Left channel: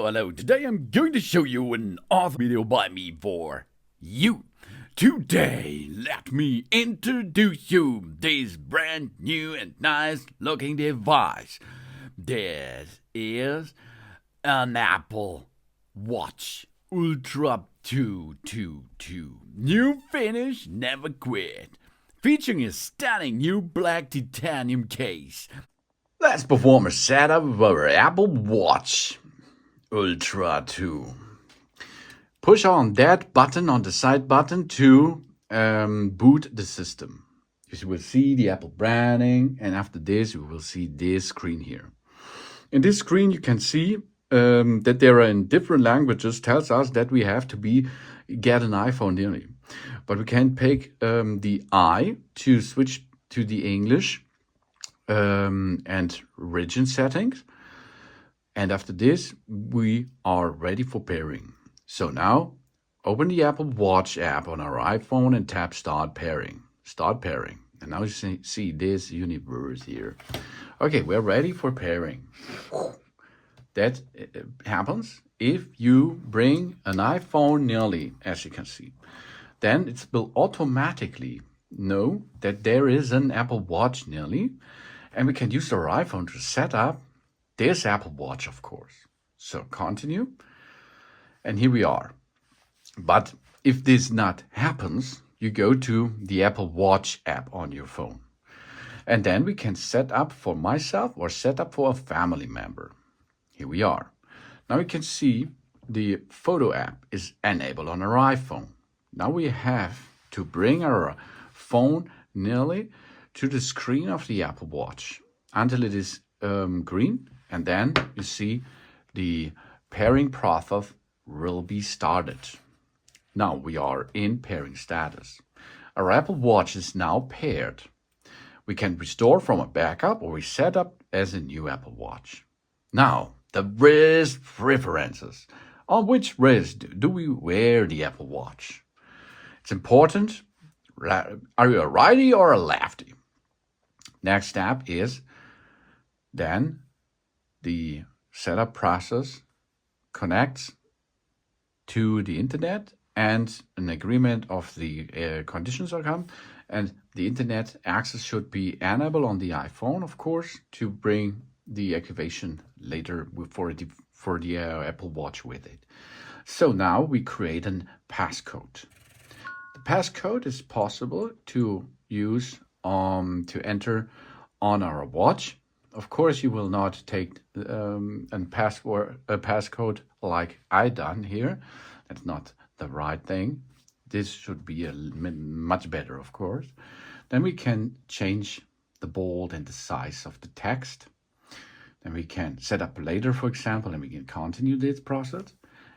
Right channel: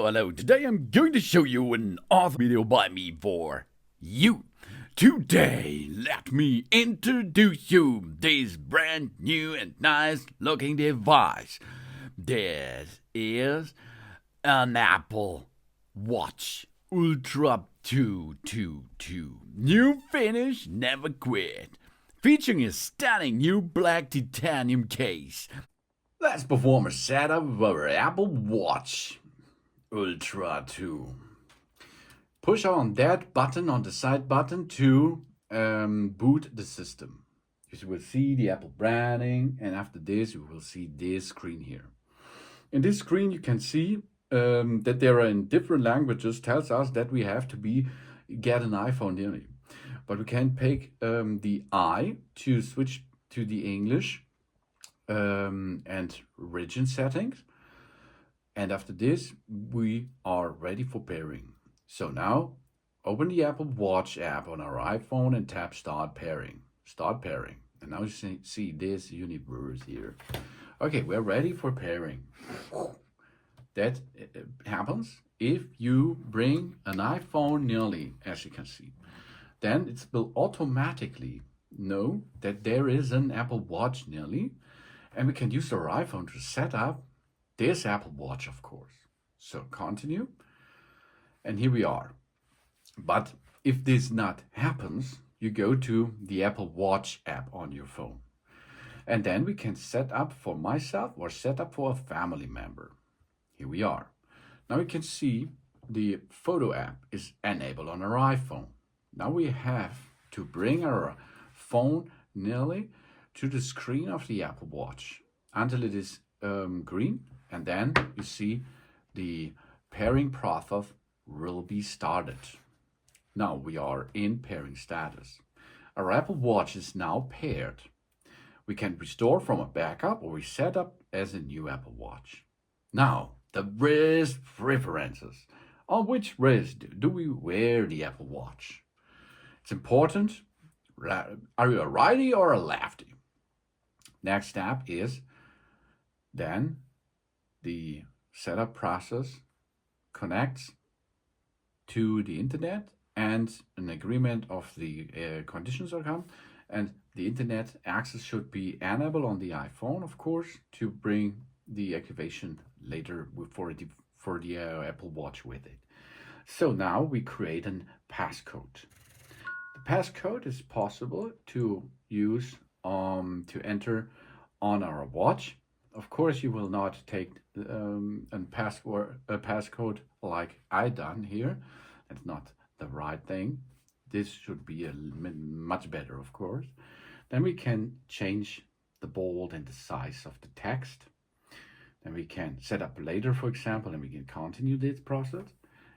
Hello. Today I'm going to show you an awesome video by me for you. Today, let me introduce you this brand new and nice looking device. This is an Apple Watch Ultra 222. New finish, never quit. Featuring a stunning new black titanium case. Let's perform a setup of our Apple Watch Ultra 2. Push on that button on the side button to boot the system. You will see the Apple branding, and after this you will see this screen here. In this screen you can see that there are in different languages, tells us that we have to get an iPhone nearly. But we can pick the I to switch to the English and region settings. And after this, we are ready for pairing. So now, open the Apple Watch app on our iPhone and tap Start Pairing. Start Pairing. And now you see this universe here. Okay, we're ready for pairing. That happens if you bring an iPhone nearly, as you can see. Then it will automatically know that there is an Apple Watch nearly, and we can use our iPhone to set up this Apple Watch, of course. So continue, and here we are. But if this not happens, you go to the Apple Watch app on your phone. And then we can set up for myself or set up for a family member. Here we are. Now you can see the photo app is enabled on our iPhone. Now we have to bring our phone nearly to the screen of the Apple Watch until it is green, and then you see the pairing process will be started. Now we are in pairing status. Our Apple Watch is now paired. We can restore from a backup or reset up as a new Apple Watch. Now, the wrist preferences. On which wrist do we wear the Apple Watch? It's important. Are you a righty or a lefty? Next step is then the setup process connects to the internet, and an agreement of the conditions are come, and the internet access should be enabled on the iPhone, of course, to bring the activation later for the Apple Watch with it. So now we create a passcode. The passcode is possible to use to enter on our watch. Of course, you will not take a passcode like I done here. That's not the right thing. This should be much better, of course. Then we can change the bold and the size of the text. Then we can set up later, for example, and we can continue this process.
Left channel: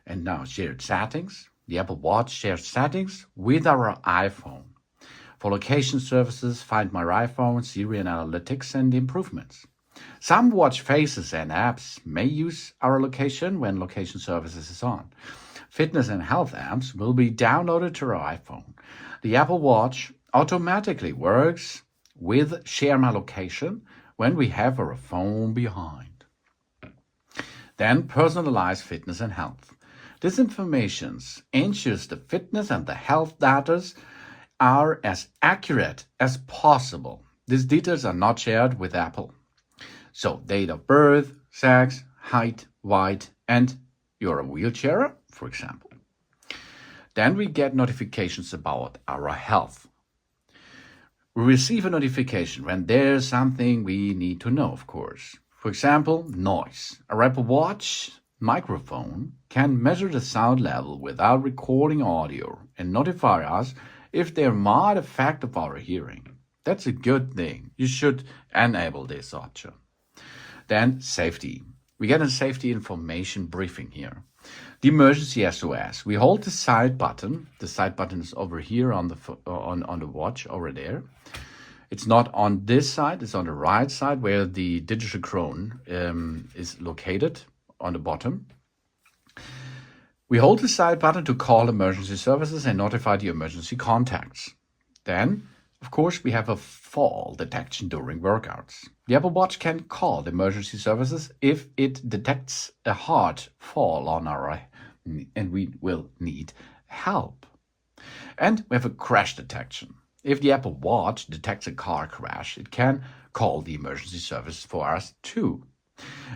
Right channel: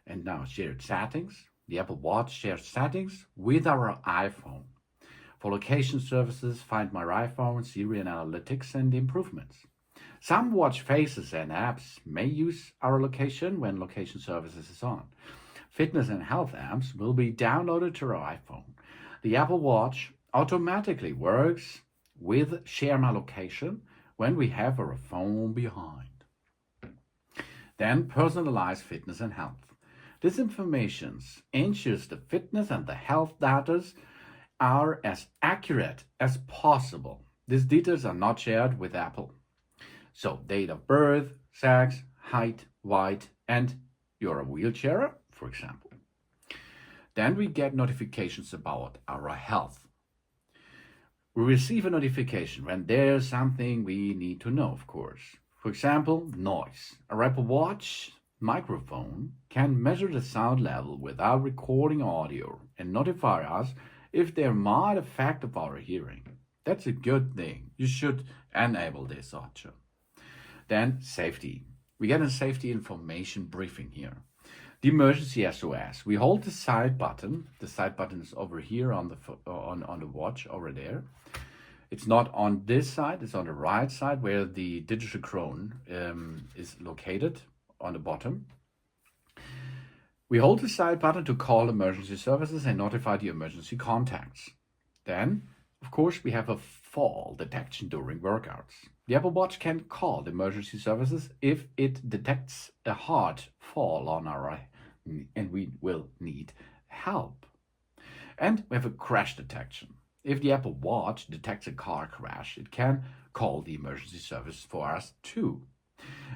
And now shared settings. The Apple Watch shares settings with our iPhone. For location services, Find My iPhone, Siri and Analytics, and improvements. Some watch faces and apps may use our location when location services is on. Fitness and health apps will be downloaded to our iPhone. The Apple Watch automatically works with Share My Location when we have our phone behind. Then personalized fitness and health. This information ensures the fitness and the health data are as accurate as possible. These details are not shared with Apple. So date of birth, sex, height, weight, and you're a wheelchairer, for example. Then we get notifications about our health. We receive a notification when there's something we need to know, of course. For example, noise. Our Apple Watch microphone can measure the sound level without recording audio and notify us if there might affect of our hearing. That's a good thing. You should enable this option. Then safety. We get a safety information briefing here. The emergency SOS. We hold the side button. The side button is over here on the watch, over there. It's not on this side, it's on the right side where the digital chron is located on the bottom. We hold the side button to call emergency services and notify the emergency contacts. Then Of course, we have a fall detection during workouts. The Apple Watch can call emergency services if it detects a hard fall on our and we will need help. And we have a crash detection. If the Apple Watch detects a car crash, it can call the emergency service for us too.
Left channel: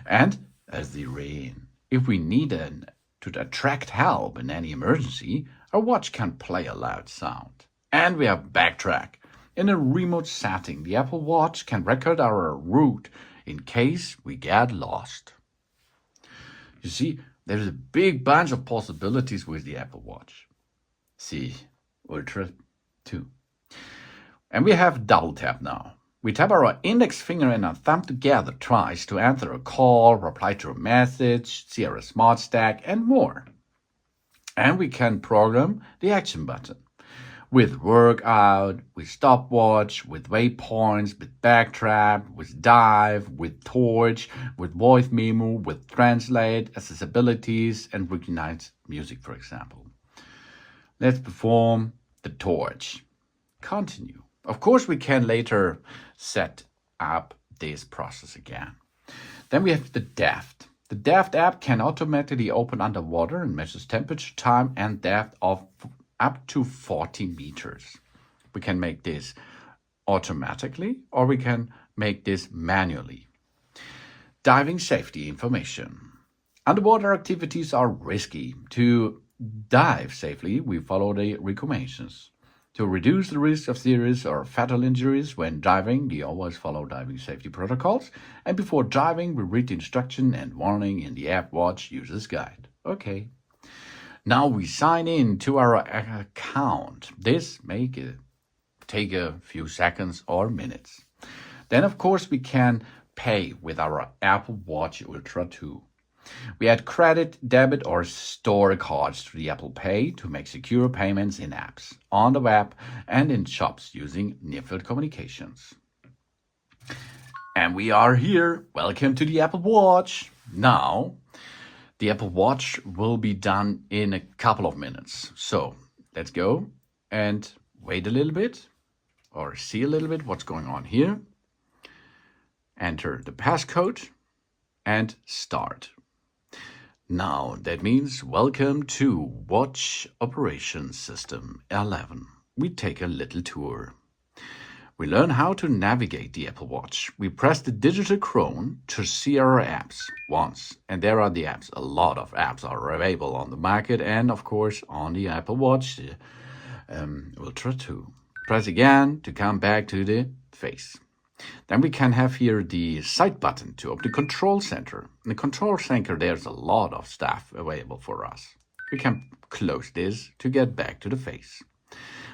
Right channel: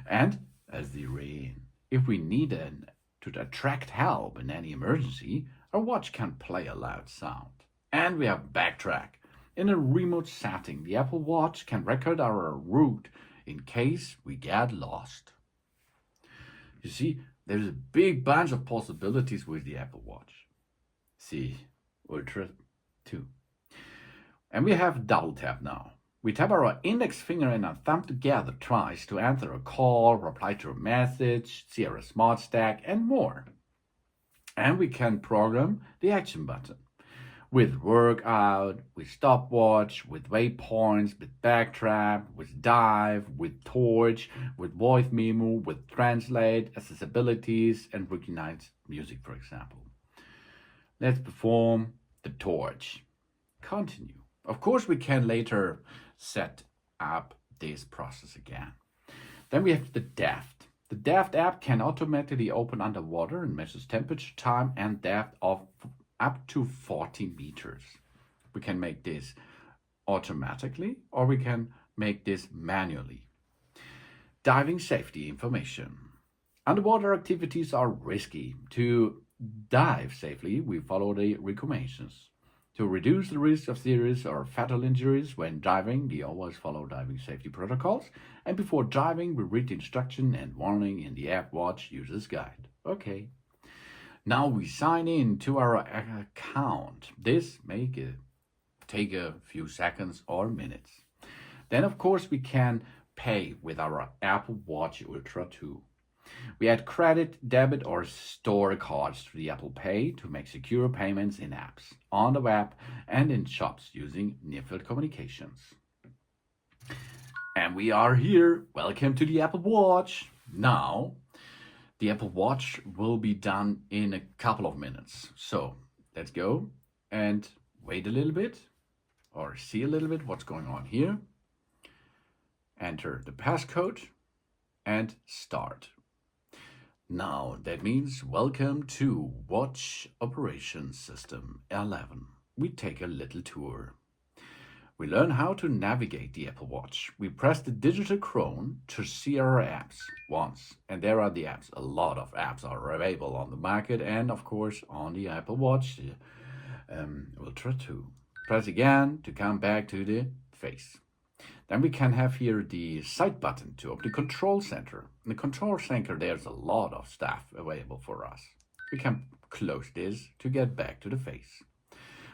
And as the rain, if we need to attract help in any emergency, our watch can play a loud sound. And we have backtrack. In a remote setting, the Apple Watch can record our route in case we get lost. You see, there's a big bunch of possibilities with the Apple Watch. See, Ultra 2. And we have double tap now. We tap our index finger and our thumb together twice to answer a call, reply to a message, see our smart stack, and more. And we can program the action button. With workout, with stopwatch, with waypoints, with backtrack, with dive, with torch, with voice memo, with translate, accessibilities, and recognize music, for example. Let's perform the torch. Continue. Of course, we can later set up this process again. Then we have the depth. The depth app can automatically open underwater and measures temperature, time, and depth of up to 40 meters. We can make this automatically or we can make this manually. Diving safety information. Underwater activities are risky. To dive safely, we follow the recommendations. To reduce the risk of serious or fatal injuries when diving, we always follow diving safety protocols. And before diving, we read the instruction and warning in the App Watch User's Guide. Okay. Now we sign in to our account. This may take a few seconds or minutes. Then, of course, we can pay with our Apple Watch Ultra 2. We add credit, debit, or store cards to the Apple Pay to make secure payments in apps, on the web, and in shops using near-field communications. And we are here. Welcome to the Apple Watch. Now, the Apple Watch will be done in a couple of minutes. So let's go and wait a little bit or see a little bit what's going on here. Enter the passcode and start. Now that means welcome to Watch Operation System 11. We take a little tour. We learn how to navigate the Apple Watch. We press the digital crown to see our apps once. And there are the apps. A lot of apps are available on the market and, of course, on the Apple Watch Ultra 2. Press again to come back to the face. Then we can have here the side button to open the control center. In the control center, there's a lot of stuff available for us. We can close this to get back to the face.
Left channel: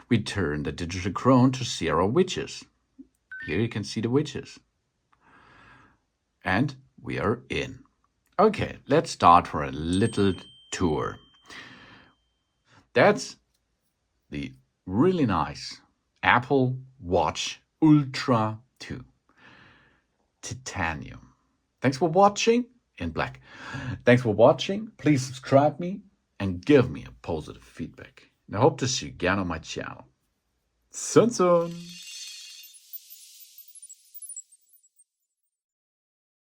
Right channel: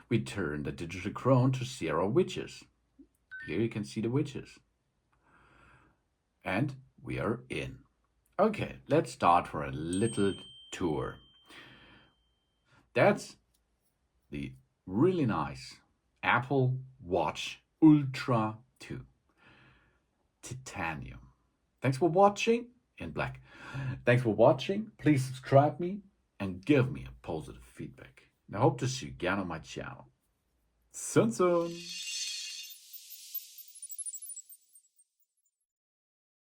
We turn the digital crown to see our widgets. Here you can see the widgets. And we are in. Okay, let's start for a little tour. That's the really nice Apple Watch Ultra 2 Titanium. Thanks for watching in black. Thanks for watching. Please subscribe me and give me a positive feedback. And I hope to see you again on my channel. Soon.